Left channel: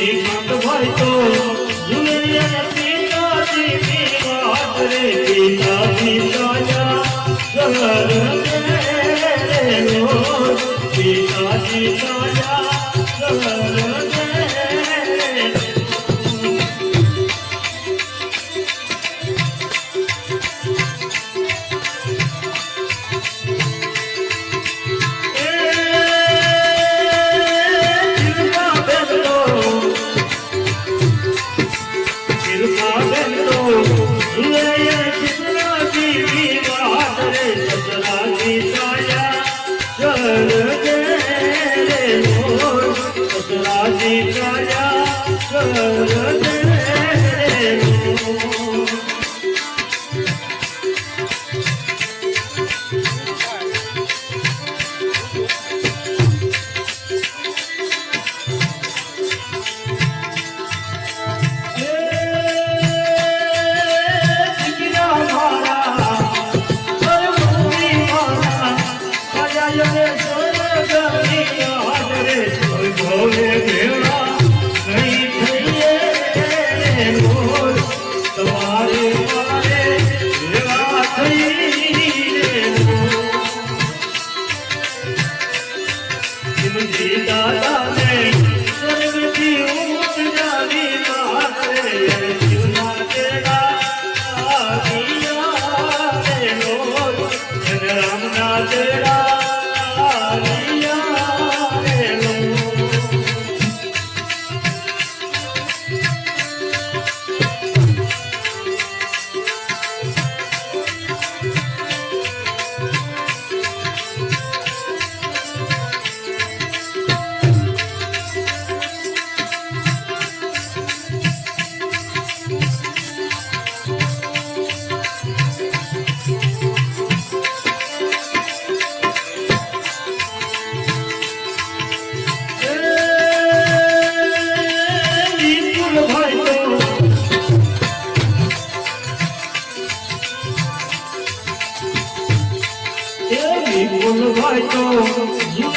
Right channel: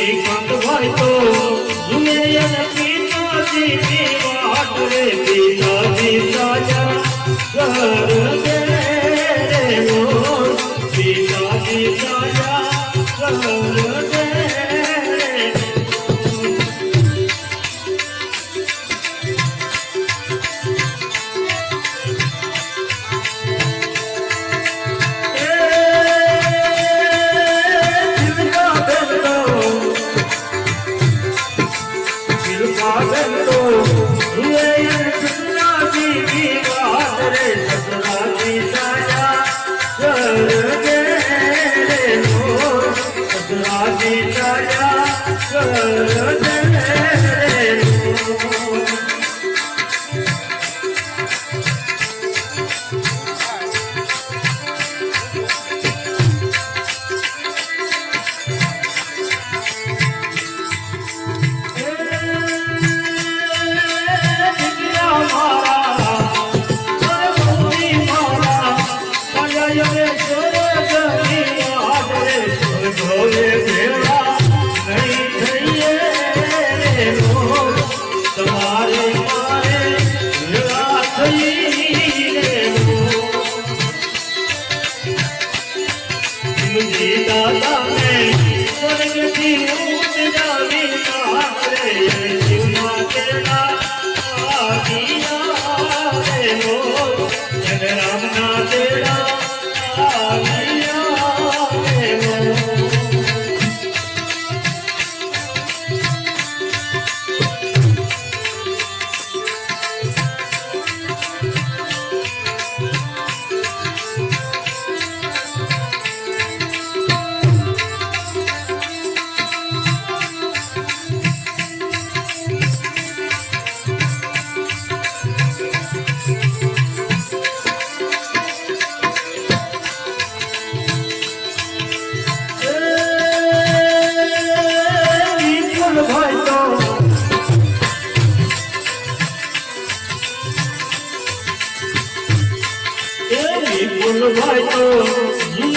Shrikhand ભરતો julienne પિતાજી વિવાહ રે પિતાજી રાજા સર રે પિતાજી રાજા સર રે વિટળ્યા you.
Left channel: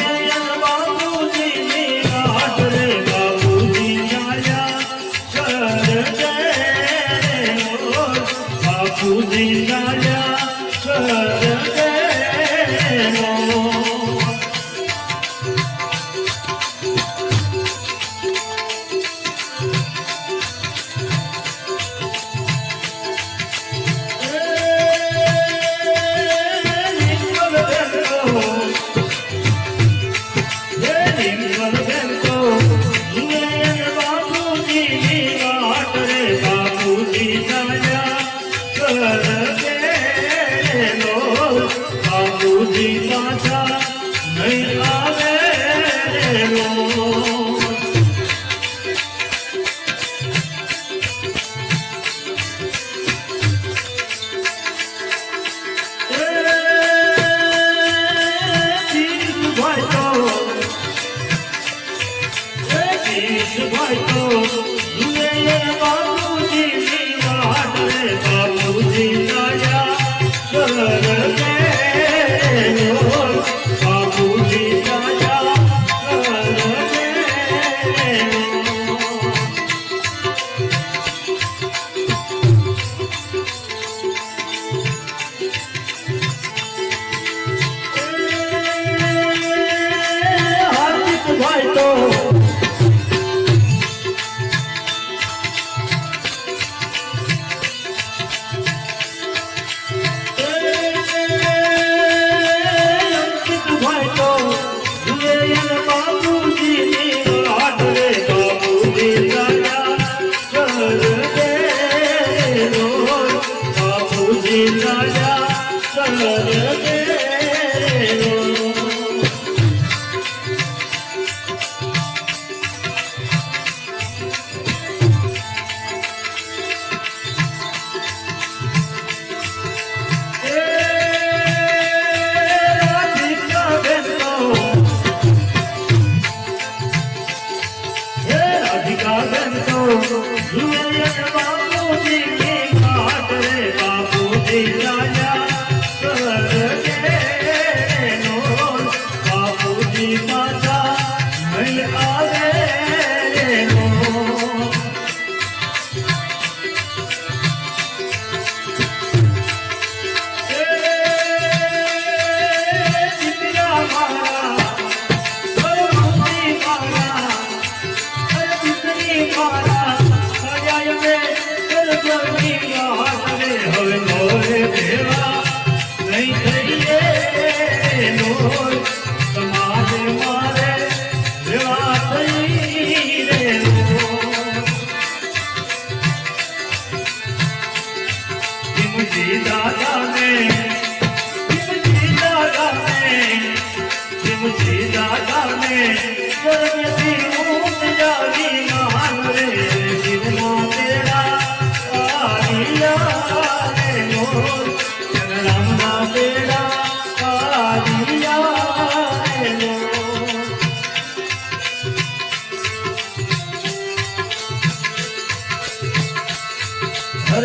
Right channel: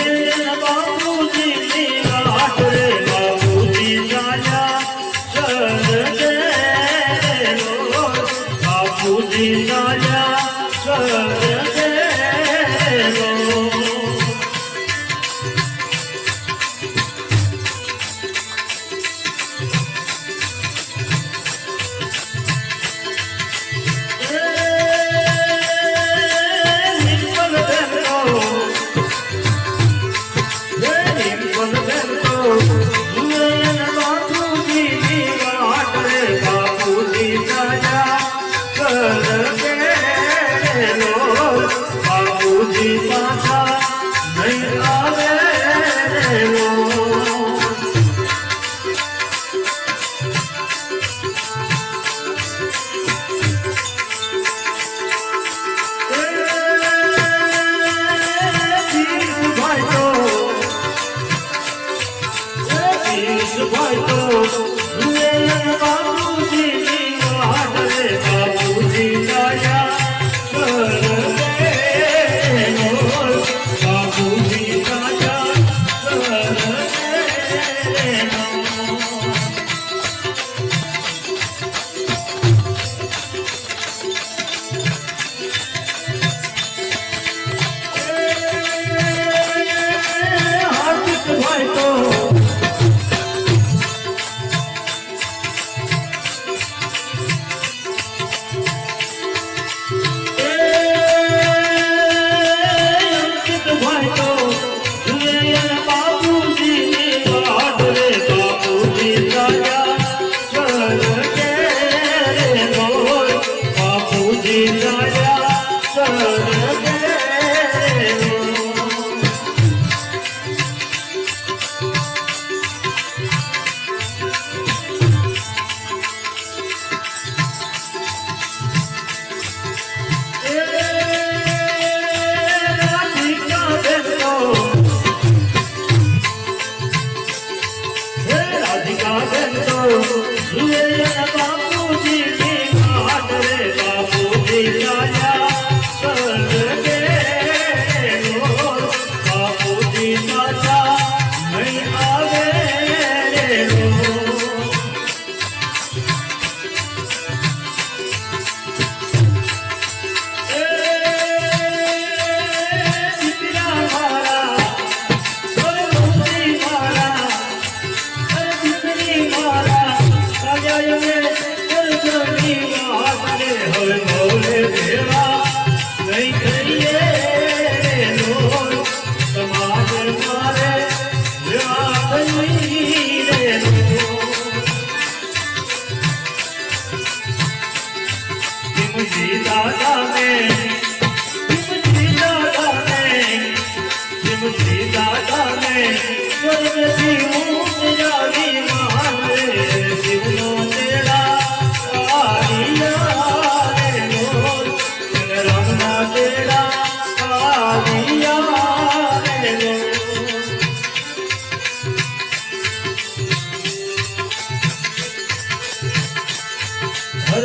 হয়তো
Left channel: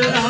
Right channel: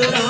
Hare